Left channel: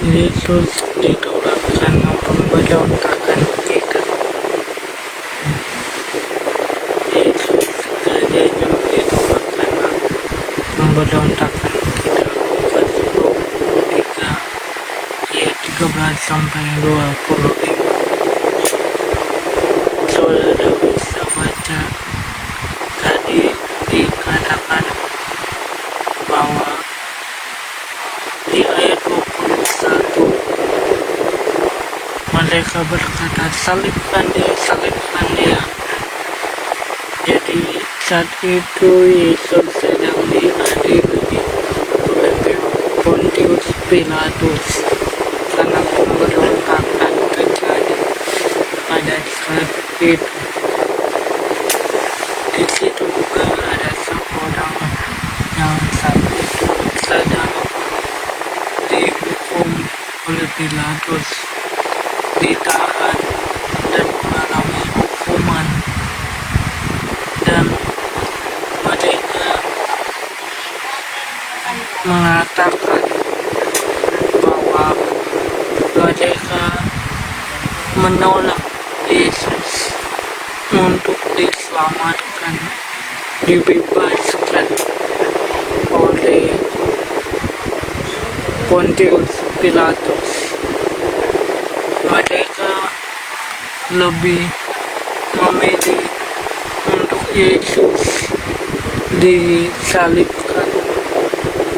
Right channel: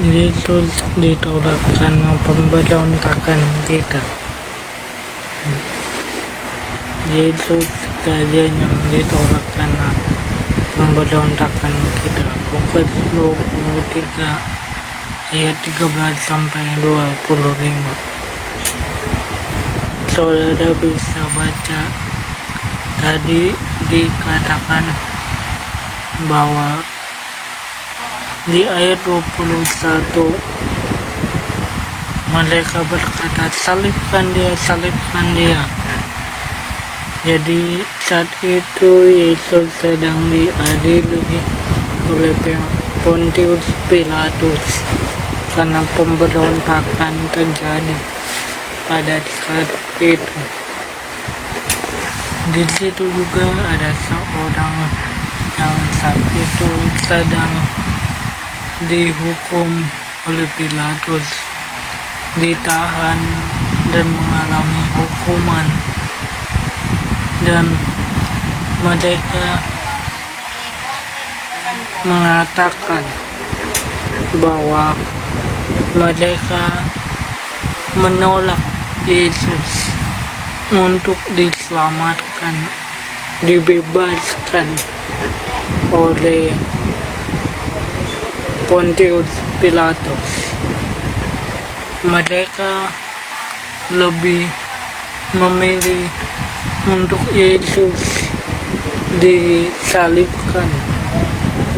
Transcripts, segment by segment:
Yesus ditolak karena pemberontakan kita. Yesus kejadian yang ditolak karena pemberontakan kita. Lukas 23 ayat 13 sampai 25. Saudara bisa baca, tadi dikatakan bahwa di ayat 21 mereka berkata, salibkan dia. Jadi saat itu Yesus sedang diadili oleh Pontius Pilatus karena pemberontakan terjadi pada saat itu. Di situ juga ada seorang yang saat itu sedang dihukum oleh Pilatus, ditahan dan mengalami hukuman, dan mereka mengatakan bahwa mereka menolak Yesus untuk diselamatkan, dibebaskan oleh Pontius Pilatus. Mereka lebih memilih untuk Yesus disalibkan,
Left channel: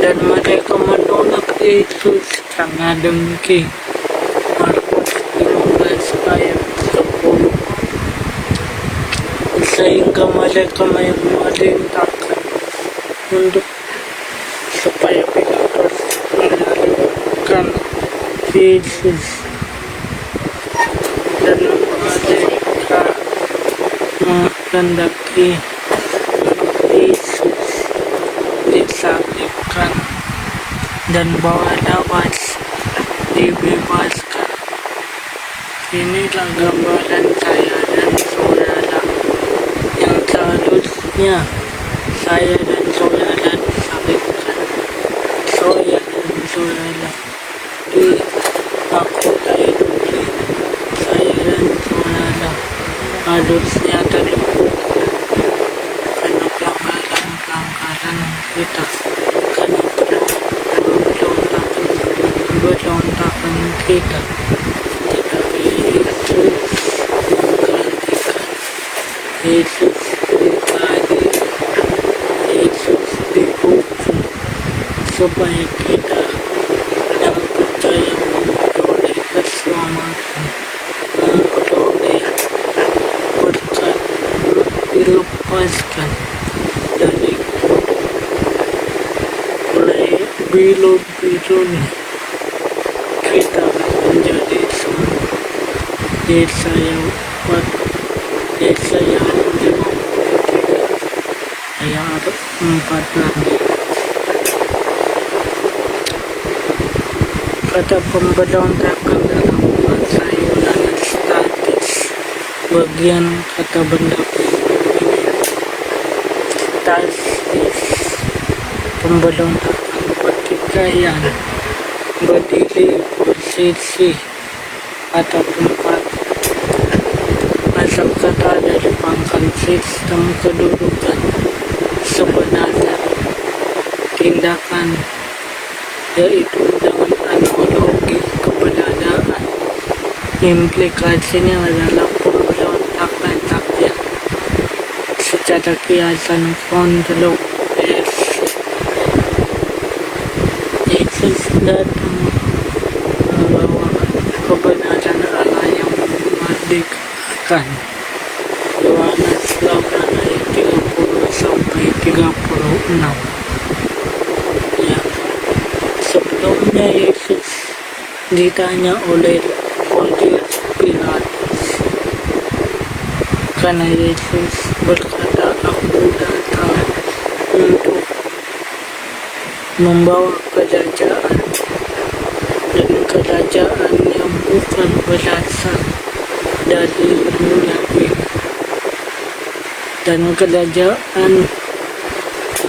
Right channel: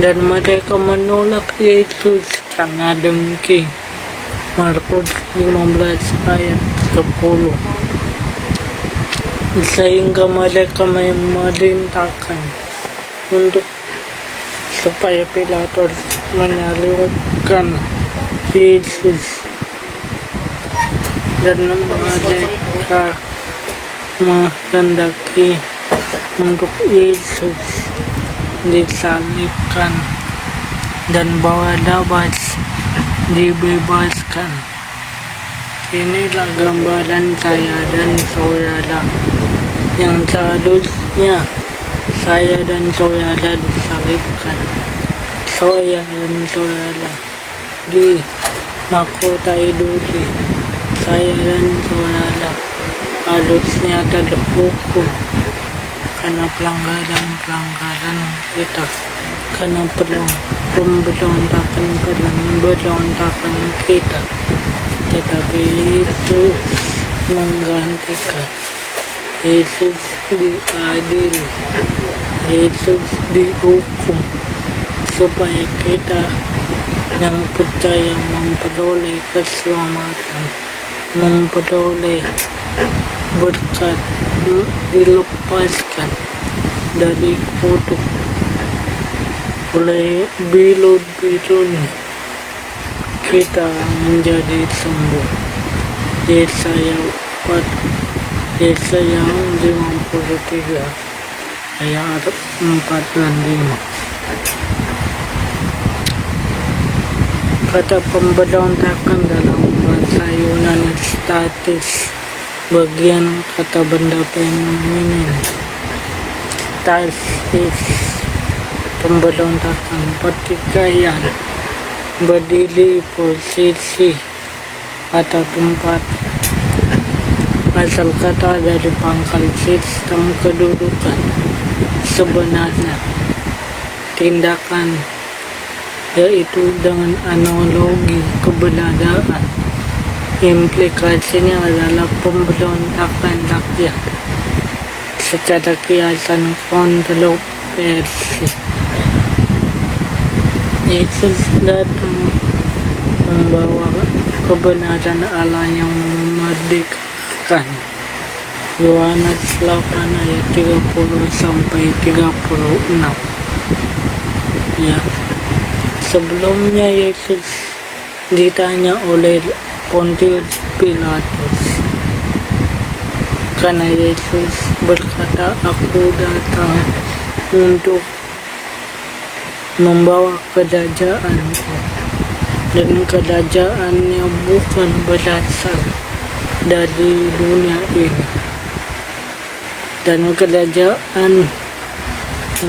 dan mereka menolak Yesus karena dengki. Markus 15 ayat 10. Sehingga mereka memerintahkan untuk supaya Pilatus menyalibkan Yesus, dan mereka menghendaki untuk Yesus disalibkan dan Barnabas dibebaskan. Inilah gambaran saya dan saudara yang seharusnya saya dan saudara disalibkan. Saya dan saudara dimahkotai duri. Saya dan saudara harusnya terhukum karena pelanggaran kita, karena pemberontakan kita. Tetapi Yesus menggantikan. Yesus diadili, Yesus dihukum supaya kita yang percaya memperoleh keselamatan, memperoleh berkat, dilepaskan dari kutuk oleh bilun-bilun, kita menjadi sembuh. Yesaya 53 ayat 4 dan 5. Kata pemberontakan dalam bahasa Yunani statis, bagian kata benda feminin. Stasis, pemberontakan, pertikaian, berdiri, posisi atau tempat. Asal kata dari pangkal sistem kedudukan. Sebenarnya tindakan, yaitu dengan analogi keberadaan. Implikasinya adalah pemberontakan rakyat secara kiasan kontroversi. Yesus datang membawa kebenaran Allah yang memerdekakan. Yohanes 8 ayat 30 sampai 36. Ya, sebelumnya Yesus ditanya oleh Pontius Pilatus, karena Yesus berkata, aku datang untuk membawa kerajaanku, dan kerajaannya bukan berasal dari dunia ini. Dan kerajaan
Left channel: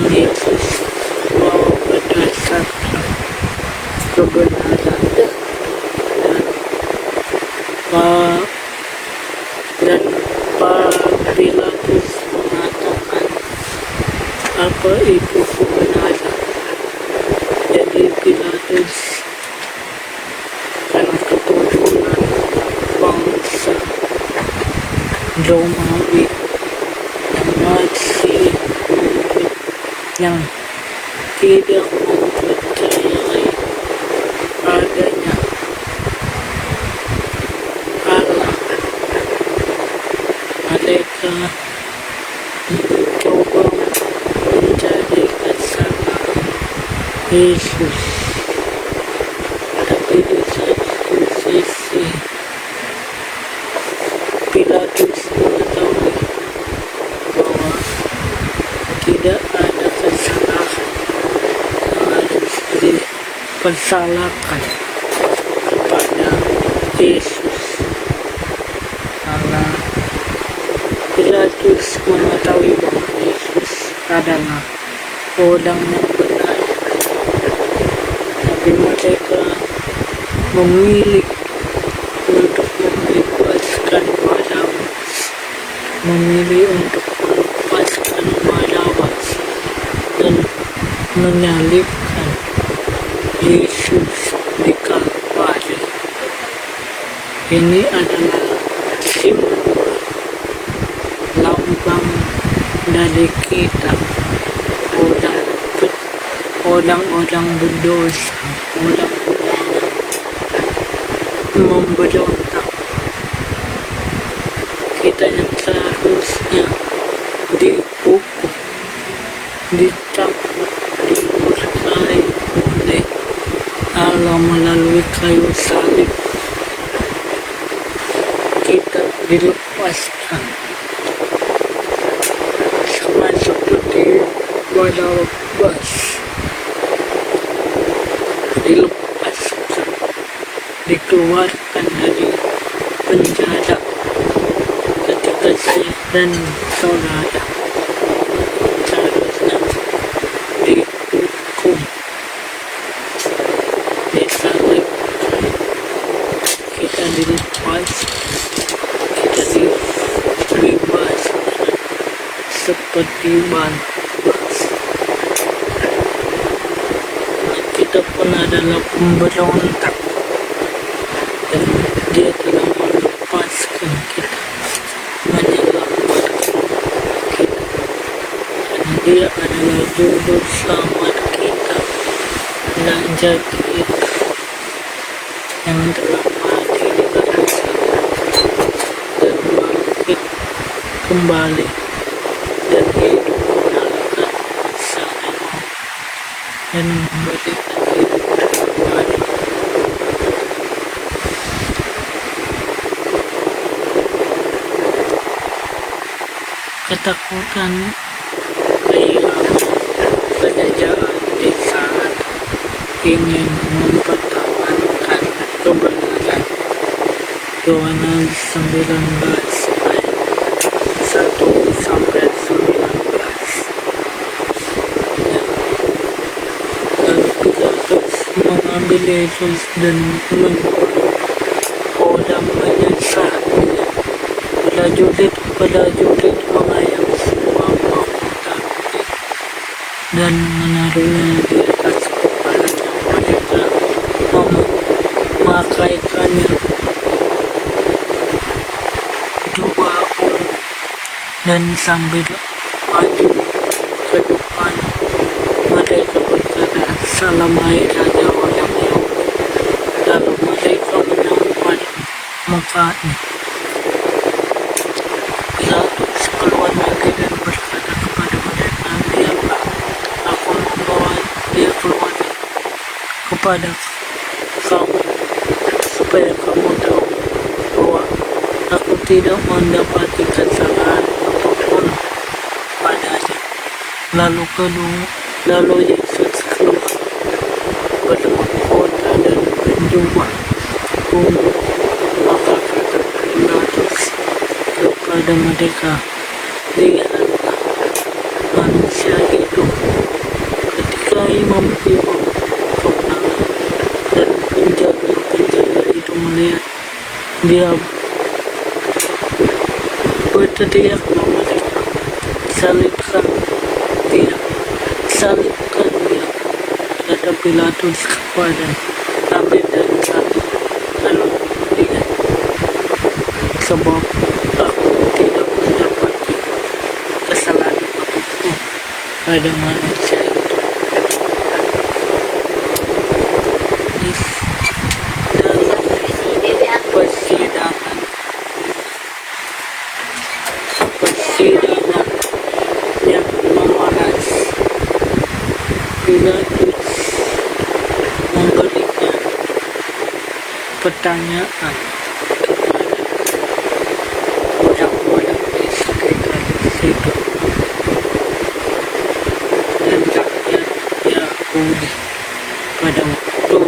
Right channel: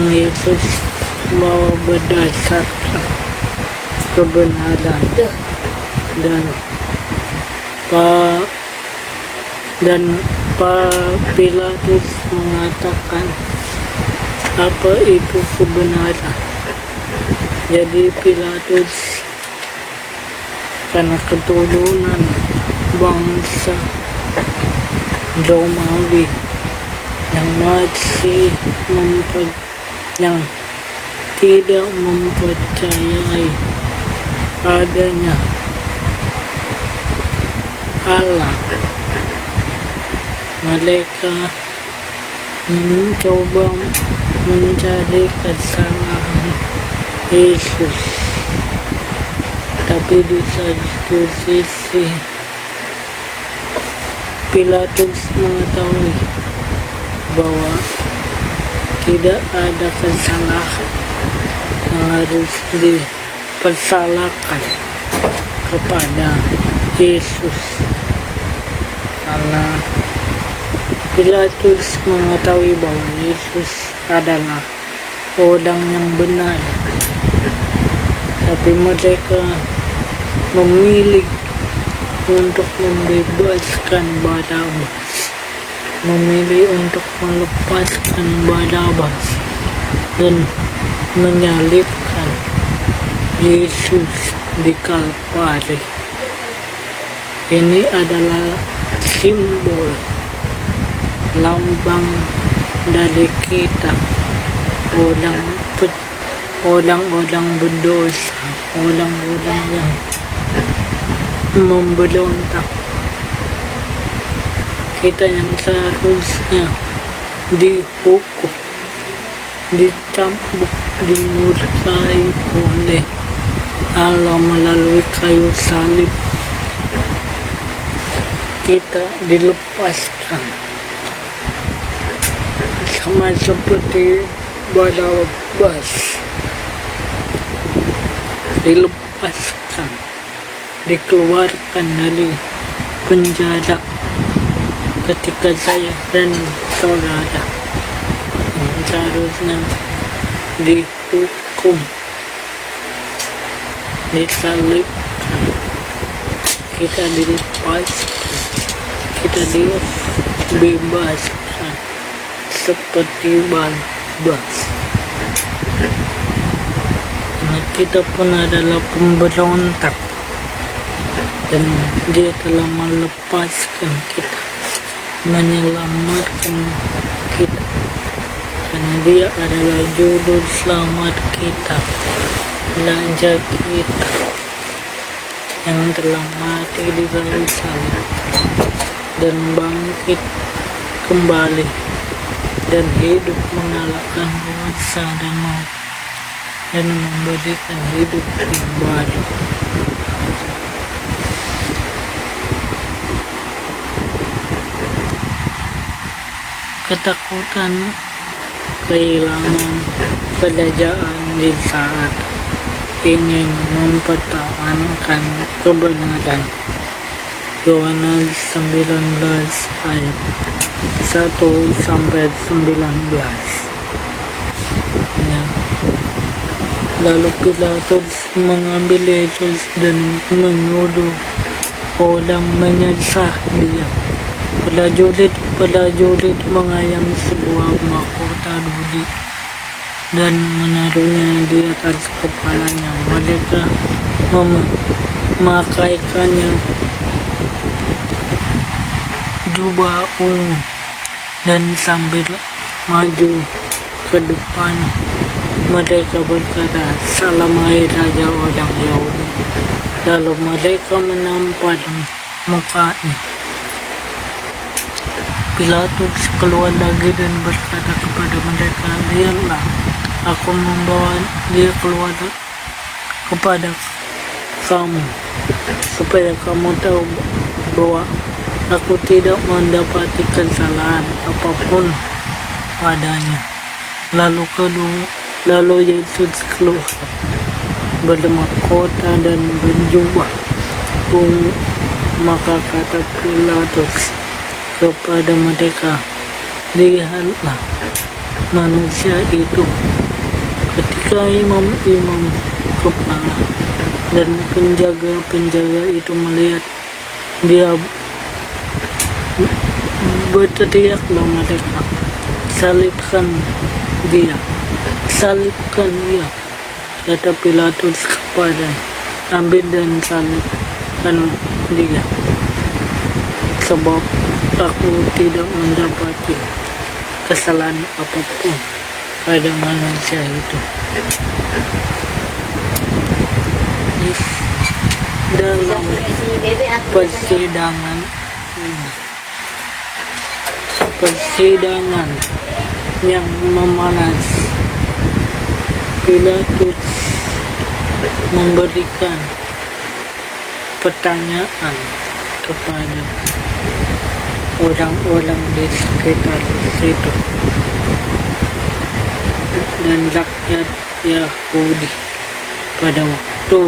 Yesus bahwa berdasarkan kebenaran dan pa dan Pilatus mengatakan apa itu kebenaran. Jadi Pilatus karena keturunan bangsa Romawi yang masih yang tidak mempercayai adanya Allah, mereka mencoba mencari kesalahan Yesus. Tapi di satu sisi Pilatus mengetahui bahwa tidak ada kesalahan yang harus dipersalahkan kepada Yesus, karena Pilatus mengetahui bahwa Yesus adalah orang yang benar. Tapi mereka memilih untuk membebaskan Barabas, memilih untuk melepaskan Barabas dan menyalibkan Yesus di Kalvari. Ini adalah simbol, lambang dari kita, orang-orang berdosa, orang-orang yang memberontak. Kita yang seharusnya dihukum, dicambuk, dimurkai oleh Allah melalui kayu salib, kita dilepaskan sama seperti Barabas dilepaskan, dikeluarkan dari penjara ketika saya dan saudara seharusnya dihukum, disalibkan, kita dilepaskan, kita dibebaskan seperti Barabas. Karena kita pun adalah pemberontak dan dia telah melepaskan kita, menyelamatkan kita, karena dia adalah juru selamat kita, raja kita yang telah mati di kayu salib dan bangkit kembali dan hidup mengalahkan masa dan maut dan memberikan hidup yang baru. Ketakutan kehilangan kerajaan di saat ingin mempertahankan kebenaran. Yohanes 19 ayat 1-19. Lalu Pilatus mengambil Yesus dan menyuruh orang menyesah dia. Prajurit mengayam sebuah mahkota kulit dan menaruhnya di atas kepalanya. Mereka memakaikannya jubah ungu dan sambil maju ke depan mereka berkata, "Salam hai Raja orang Yahudi." Lalu mereka menampar mukanya. Pilatus keluar lagi dan berkata kepada mereka, "Lihatlah, aku membawa dia keluar kepada kamu, supaya kamu tahu bahwa aku tidak mendapati kesalahan apapun padanya." Lalu Yesus keluar bermahkota dan berjubah ungu. Maka kata Pilatus kepada mereka, "Lihatlah manusia itu." Ketika imam-imam kepala dan penjaga-penjaga itu melihat dia berteriak nama mereka, salibkan dia, salibkan dia, kata Pilatus kepadanya, ambil dan salibkan dia, sebab aku tidak mendapati kesalahan apapun pada manusia itu. Di dalam persidangan yang memanas, Pilatus memberikan pertanyaan kepada orang-orang di sekitar situ dan rakyat Yahudi pada waktu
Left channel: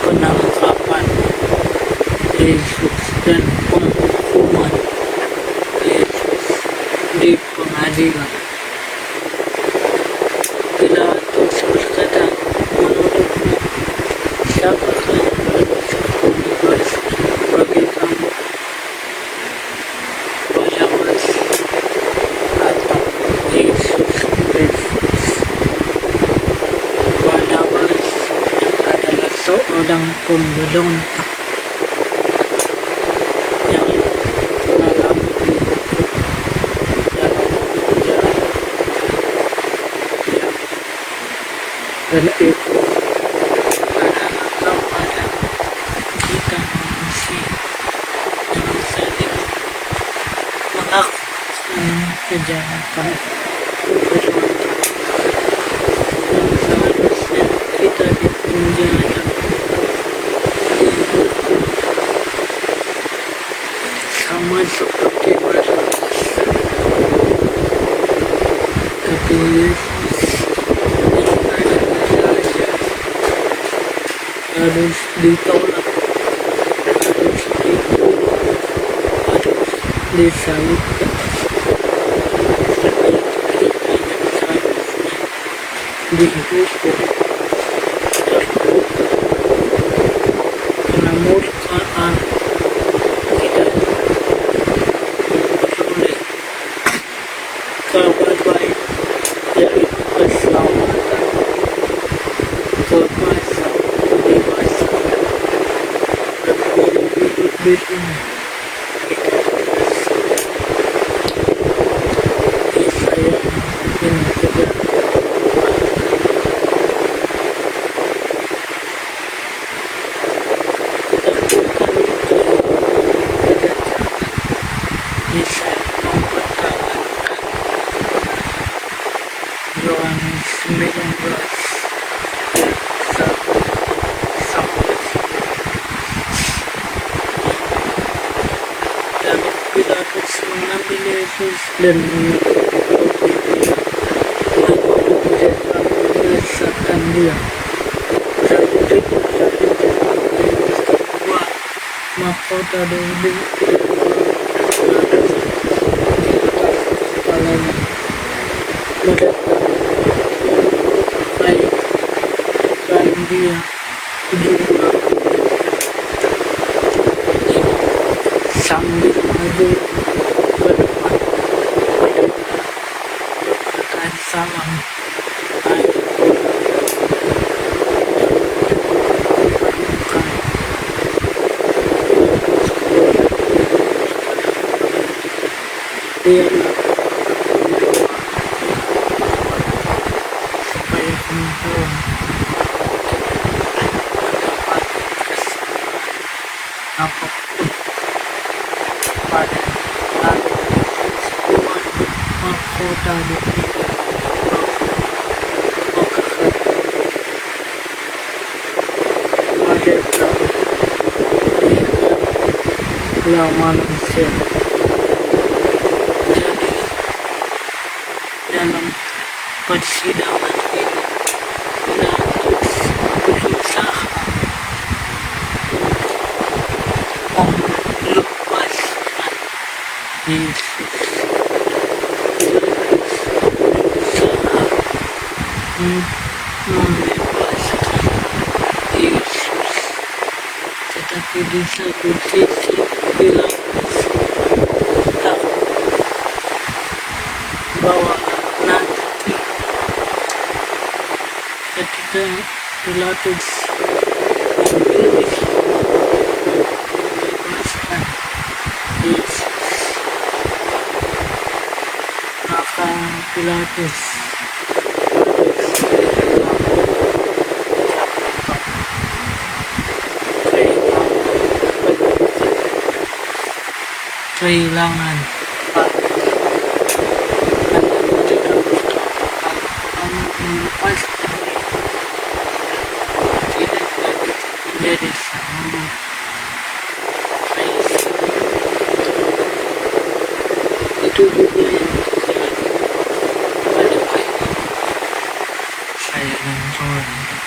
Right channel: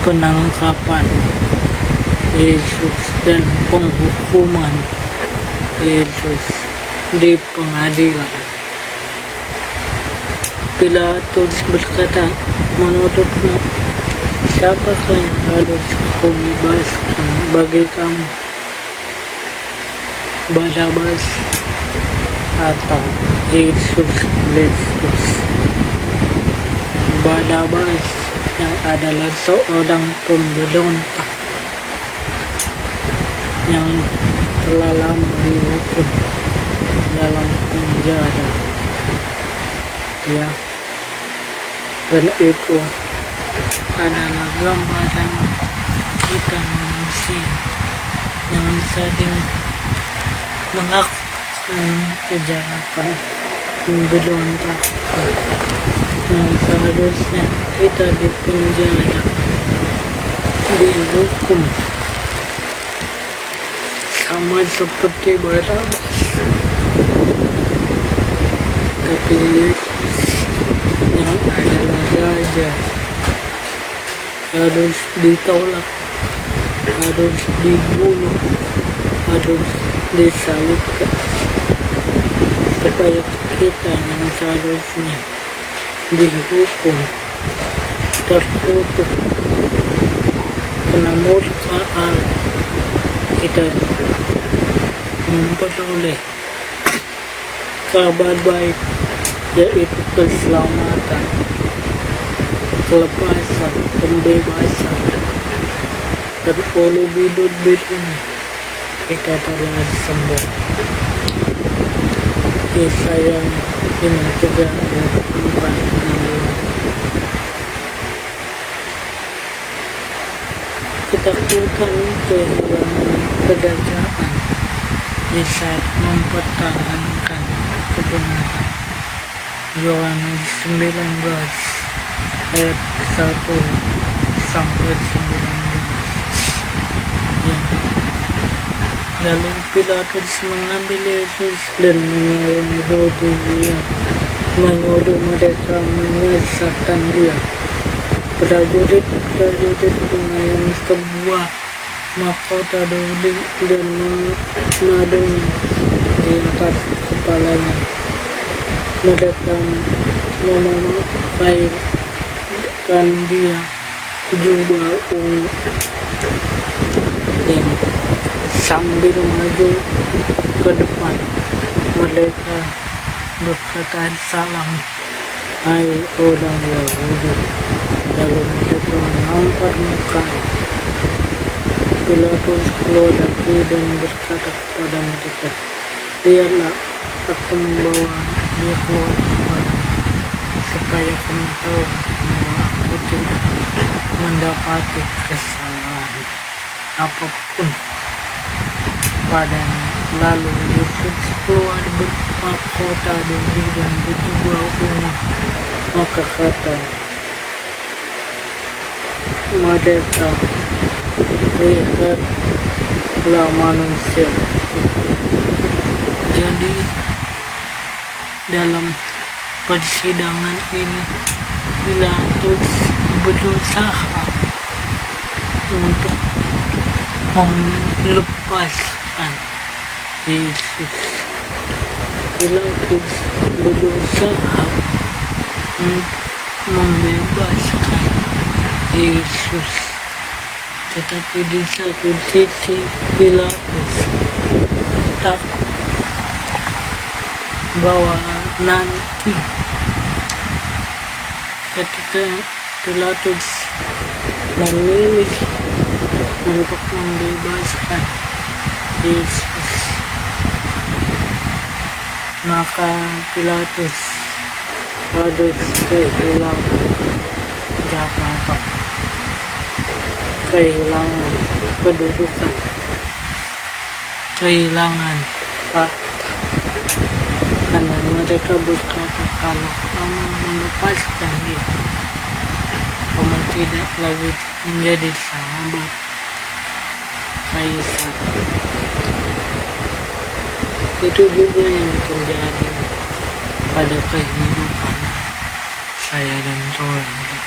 penangkapan Yesus dan penghukuman Yesus di pengadilan. Pilatus berkata, menurutmu siapakah yang harus aku bebaskan bagi kamu, Barabas atau Yesus Kristus? Barabas yang adalah seorang pemberontak yang telah lama dihukum dalam penjara, ya, dan itu adalah gambaran kita manusia yang sering melakukan kejahatan, pemberontakan, yang seharusnya kita dipenjara, dihukum sama seperti Barabas. Tapi yang adalah raja harus ditolak, harus dibunuh, harus disalibkan, supaya kita yang seharusnya dihukum tertutup kena murka Allah, kita memperoleh kabar baik, yaitu keselamatan, kebebasan, pembebasan, dan kalau bidut-bidutnya kita telah sembuh. Saya ingin terjaga ketakutan kedatangan di saat mempertahankan kebenaran. Yohanes 19 ayat 1 sampai 19. Lalu Pilatus mengambil Yesus dan menyuruh mereka menyesatkan dia. Prajurit melayani sebuah mahkota Daudi dan menadanya di atas kepalanya. Mereka memakaikan dia jubah ungu dan sambil maju ke depan mereka berkata, salam, hai orang Yahudi. Lalu mereka menampar muka. Pilatus keluar lagi dan berkata kepada mereka, lihatlah, aku membawa dia keluar kepadamu, supaya kamu tahu bahwa aku tidak mendapati kesalahan apapun padanya. Lalu Yesus keluar bermahkota Daudi dan berjubah ungu, maka kata mereka, lihatlah manusia. Jadi dalam persidangan ini Pilatus berusaha untuk melepaskan Yesus. Pilatus berusaha untuk membebaskan Yesus, tetapi di satu sisi Pilatus tak bahwa nanti ketika Pilatus memilih untuk membebaskan Yesus, maka Pilatus harus kehilangan jabatan, kehilangan kedudukan, kehilangan hak. Karena mereka berkata, kalau kamu melepaskan dia, kamu tidak lagi menjadi sahabat Kaisar. Itu juga yang terjadi pada kehidupan saya dan saudara.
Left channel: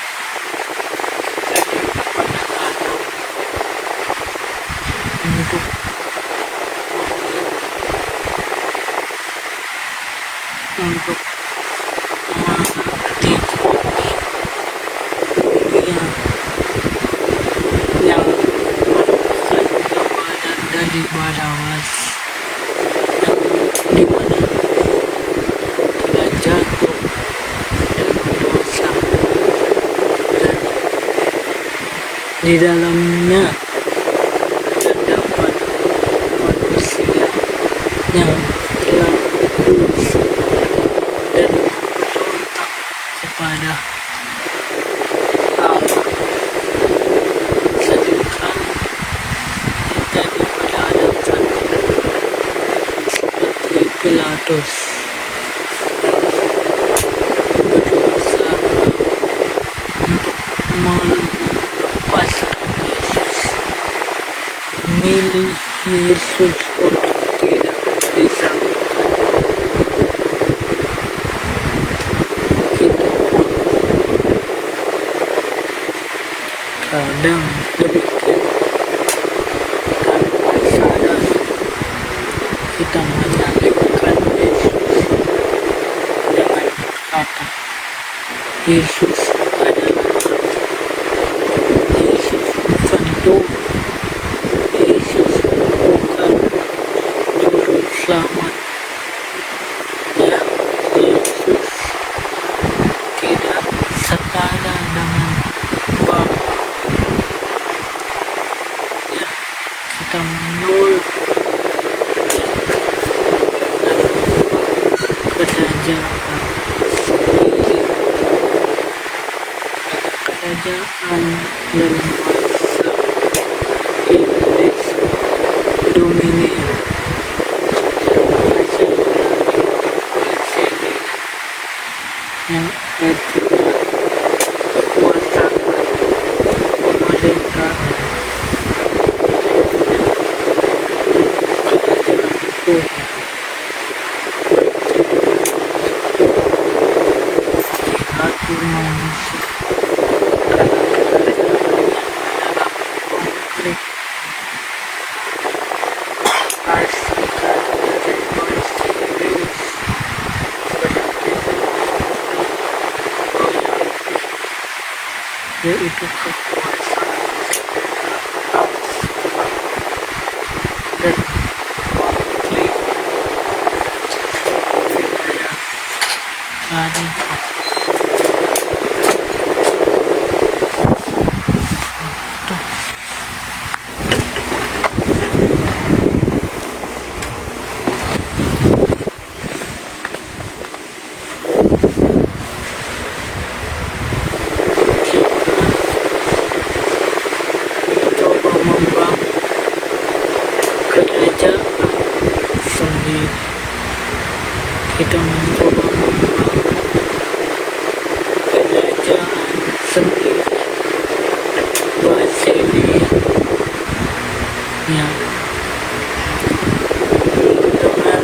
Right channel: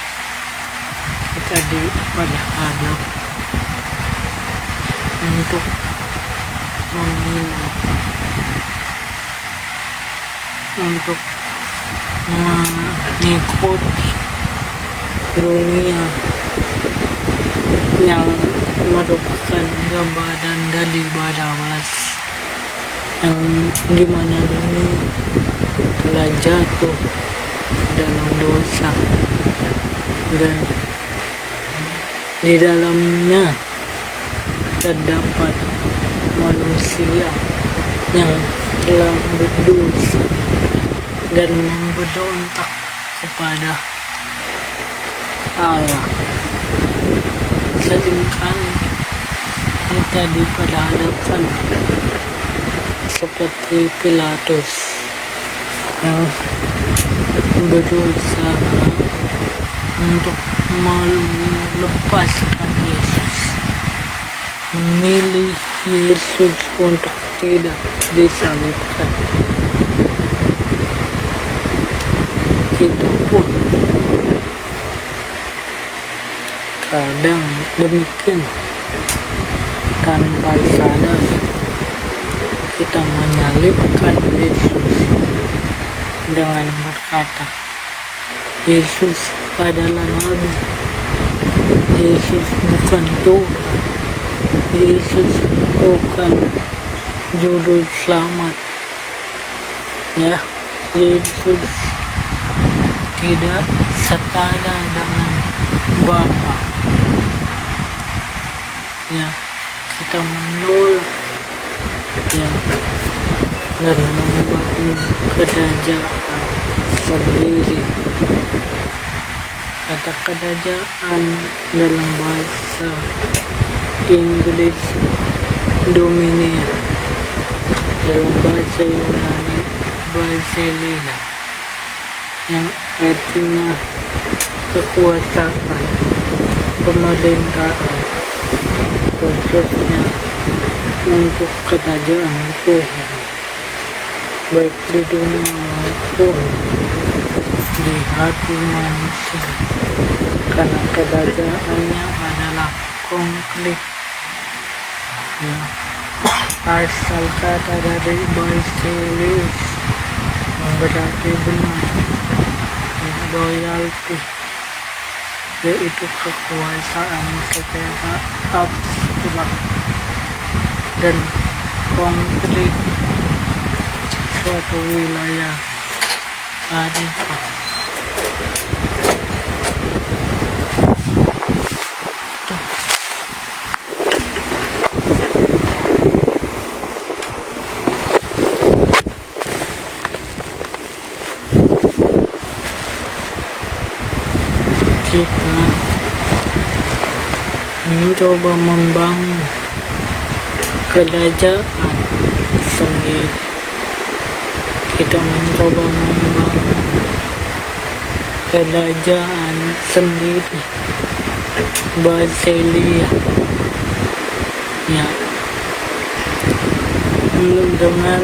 Jadi pada anak untuk memilih, untuk mengikuti dunia yang merupakan gambaran dari Barabas, yang dimana dunia telah jatuh dalam dosa dan di dalamnya terdapat manusia yang telah berdosa dan memberontak kepada Allah. Seringkali kita diperhadapkan seperti Pilatus yang berusaha untuk melepaskan Yesus, memilih Yesus untuk tidak disalibkan. Kita pun kadang demikian, tanpa sadar kita menyalibkan Yesus dengan berkata, Yesus adalah Nabi, Yesus bukan Tuhan, Yesus bukan juru selamat. Ya, Yesus tidak setara dengan Bapa. Ya, kita menolak ya dan membangun kerajaan sendiri. Ada kerajaan dalam bahasa Inggris dominion, dalam bahasa Yunani Basileia, yang artinya kekuasaan pemerintahan, khususnya untuk kerajaan Tuhan, baik di dunia maupun di hati manusia, karena kerajaannya adalah konflik. Asal kata dari Basileus berarti benar, loyalty, yaitu kekuasaan secara abstrak dan komplit suatu wilayah Arifah. Kita mencoba membangun kerajaan sendiri. Kita mencoba membangun kerajaan sendiri, Basileia, ya, dengan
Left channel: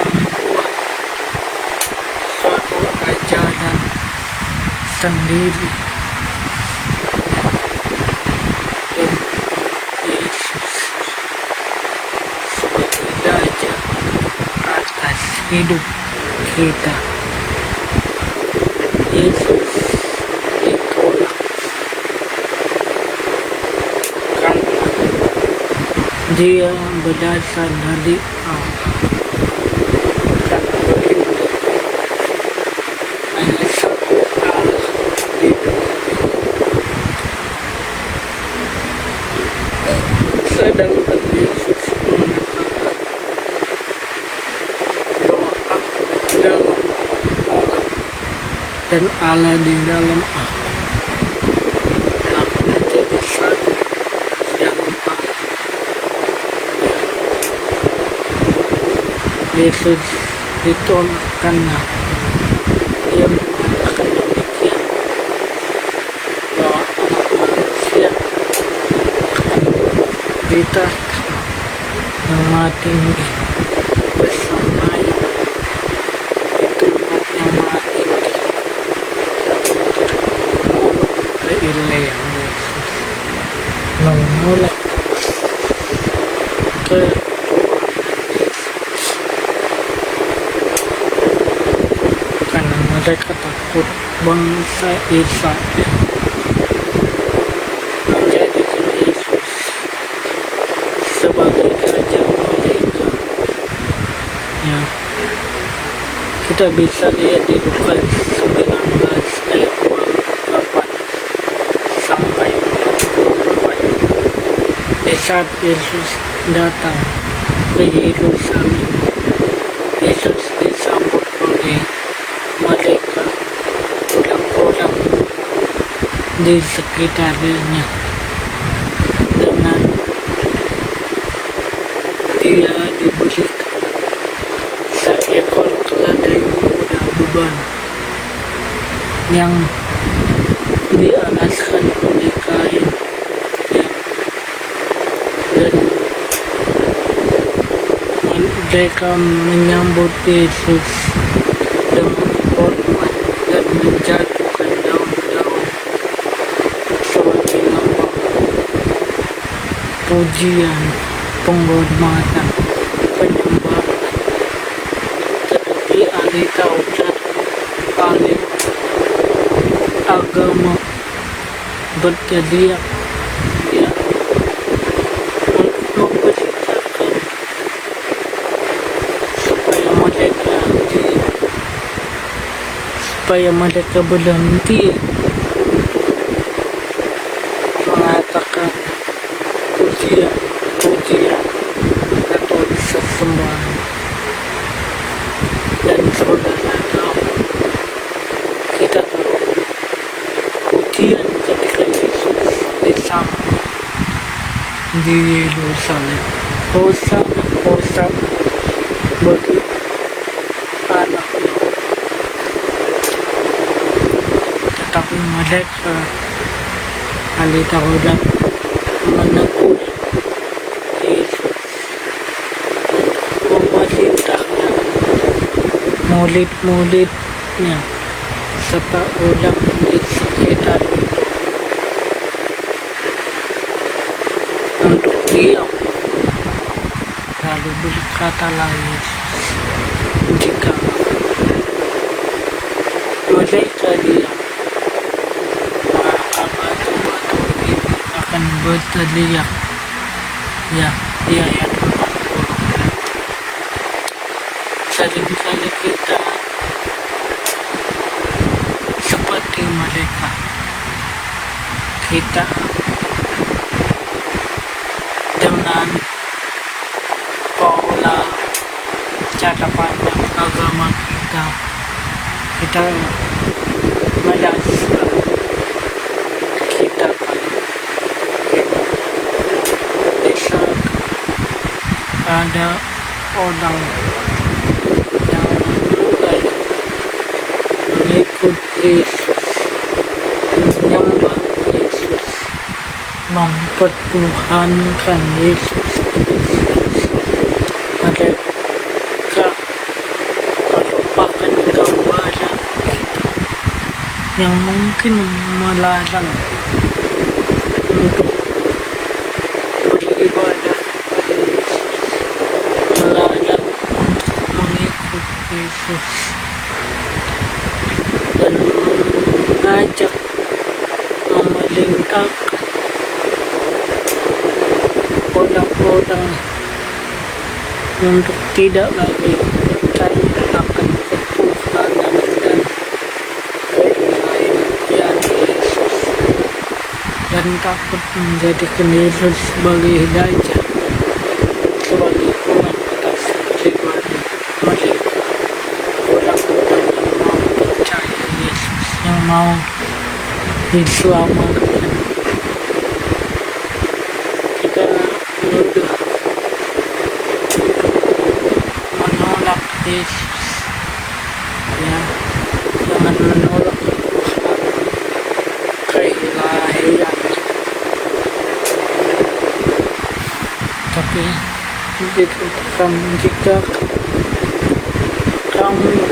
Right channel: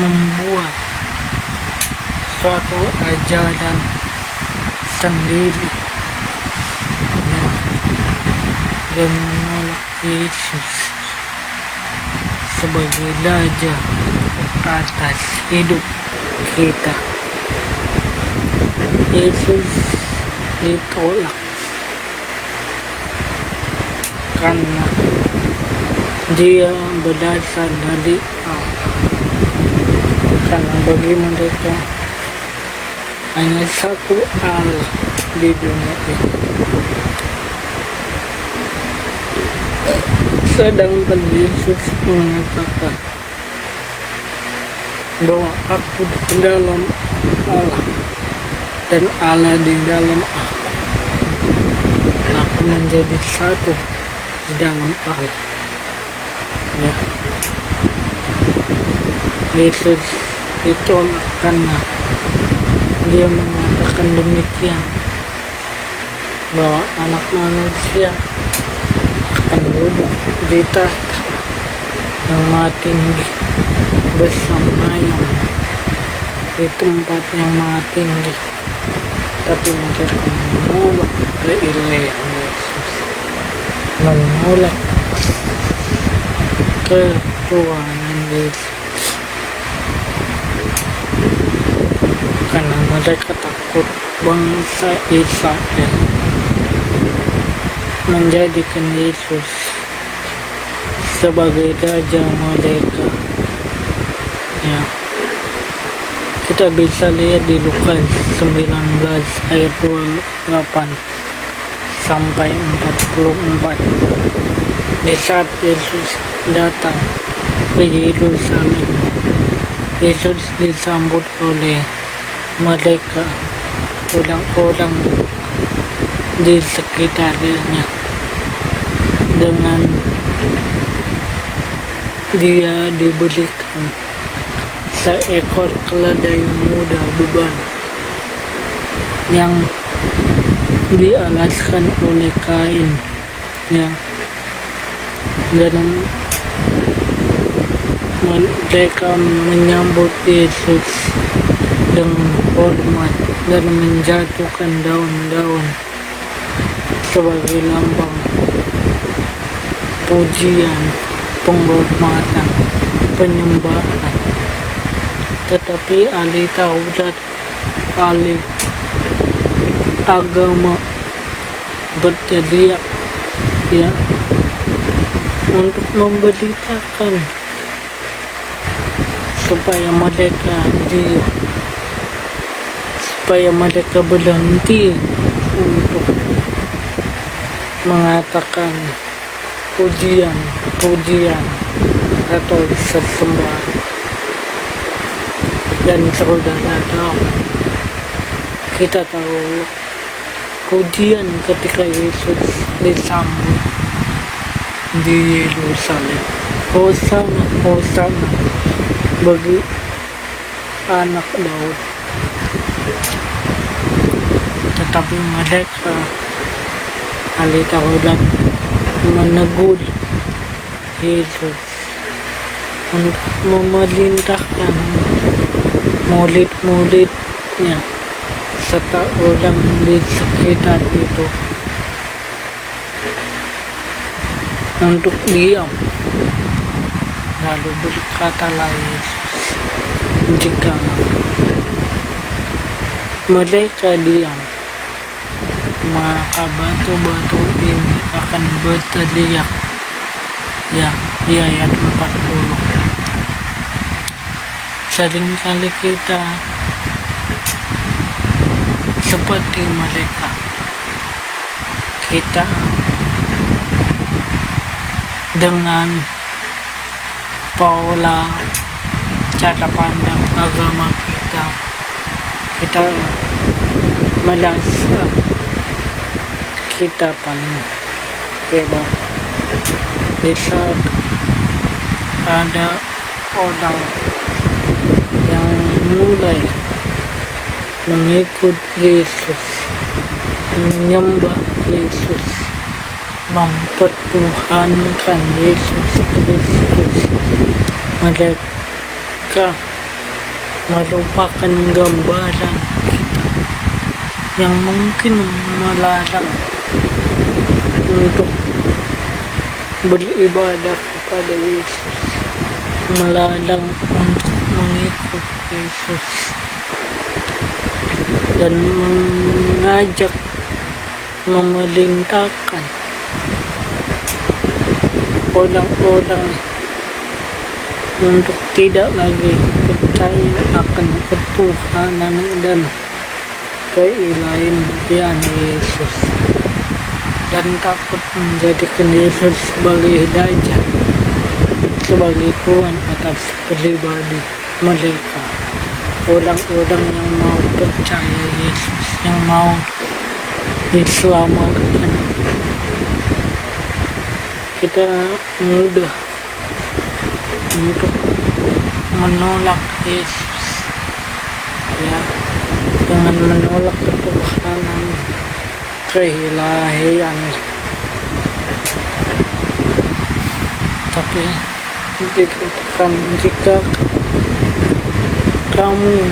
membuat suatu ajaran sendiri, ya, dan menolak Yesus sebagai raja atas hidup kita. Yesus Dia berasal dari Allah. Karena bagi mereka hanya satu Allah di dunia ini. Sedangkan Yesus mengatakan bahwa aku di dalam Allah dan Allah di dalam aku. Aku menjadi satu di dalam Allah. Ya. Yesus ditolak karena dia mengatakan demikian, bahwa anak manusia akan duduk di tahta yang maha tinggi bersama yang di tempat yang maha tinggi, tapi mereka menolak keilahian Yesus, menolak ketuhanan Yesus, karena mereka takut bangsa Israel menjadikan Yesus sebagai raja mereka. Ya, kita bisa lihat di Lukas 19 ayat 28 sampai 44. Di saat Yesus datang ke Yerusalem, Yesus disambut oleh mereka, orang-orang di sekitarnya, dengan dia diberikan seekor keledai muda beban yang dialaskan oleh kain, yang dan mereka menyambut Yesus dengan hormat dan menjatuhkan daun-daun sebagai lambang pujian, penghormatan, penyembahan. Tetapi ahli Taurat, ahli agama berteriak, ya, untuk memberitakan supaya mereka berhenti untuk mengatakan pujian atau sesembahan. Dan saudara tahu, kita tahu pujian ketika Yesus disambut di Yerusalem, Hosana, Hosana bagi anak Daud. Tetapi mereka ahli Taurat menegur Yesus untuk memerintahkan murid-muridnya serta orang di sekitar itu untuk diam. Lalu berkatalah Yesus, jika mereka diam, maka batu-batu ini akan berteriak. Ya, di ayat 40. Seringkali kita seperti mereka. Kita dengan pola cara pandang agama kita merasa kita kan bebas. Di saat ada orang yang mulai mengikut Yesus, menyembah Yesus, mempertuhankan Yesus Kristus, mereka melupakan gambaran kita yang mungkin melarang untuk beribadah kepada Yesus, melarang untuk mengikut Yesus, dan mengajak memerintahkan orang-orang untuk tidak lagi percaya akan ketuhanan dan keilahian Yesus dan takut menjadikan Yesus sebagai Raja, sebagai Tuhan atas pribadi mereka. Orang-orang yang mau percaya Yesus, yang mau diselamatkan, kita mudah untuk menolak Yesus, ya, dengan menolak ketuhanan, keilahian. Tapi dikatakan jika kamu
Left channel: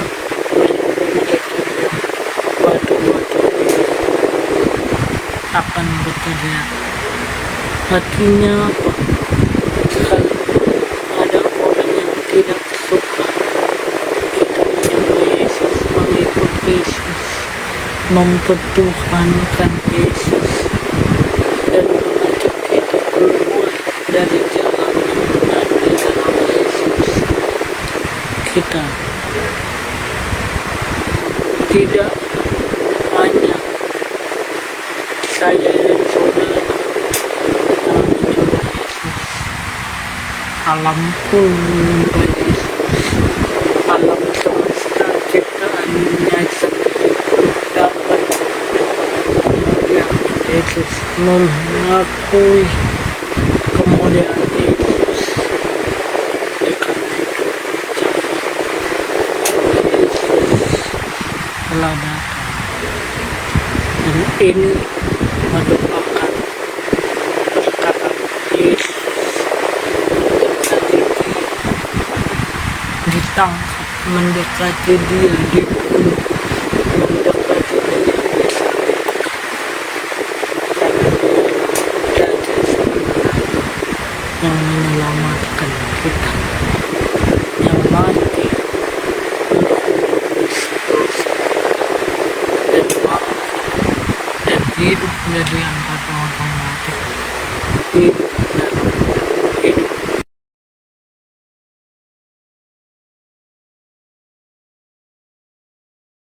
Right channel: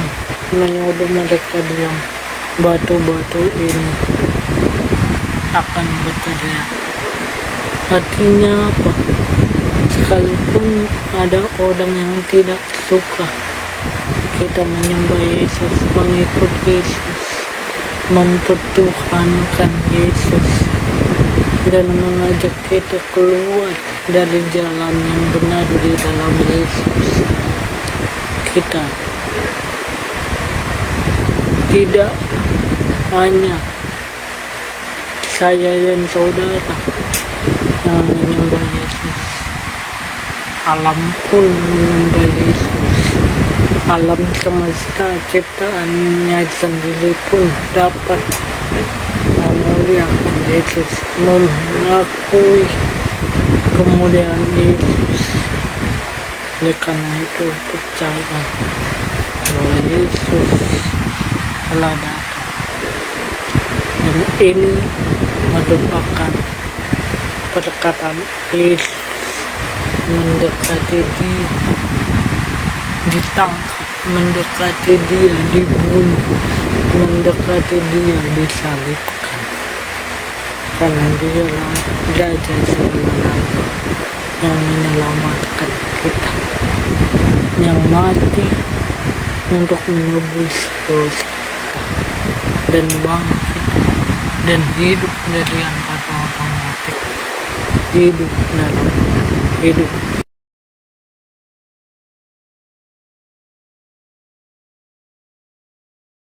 menyuruh mereka diam, batu-batu ini akan berteriak. Artinya apa? Sekalipun ada orang yang tidak suka kita menyembah Yesus, mengikut Yesus, mempertuhankan Yesus, dan mengajak kita keluar dari jalan yang benar di dalam Yesus, kita tidak hanya saya dan saudara yang menyembah Yesus, alam pun menyembah Yesus, alam semesta ciptaannya sendiri pun dapat memuliakan Yesus, mengakui kemuliaan Yesus. Oleh karena itu percaya bahwa Yesus telah datang, dan ini merupakan perkataan Yesus mendekati dia, ditangkap, mendekati dia, dibunuh, mendekati dia, disalibkan, karena dia Raja segala raja yang menyelamatkan kita, yang mati untuk menebus dosa kita, dan bangkit dan hidup dari antara orang mati, hidup dalam hidup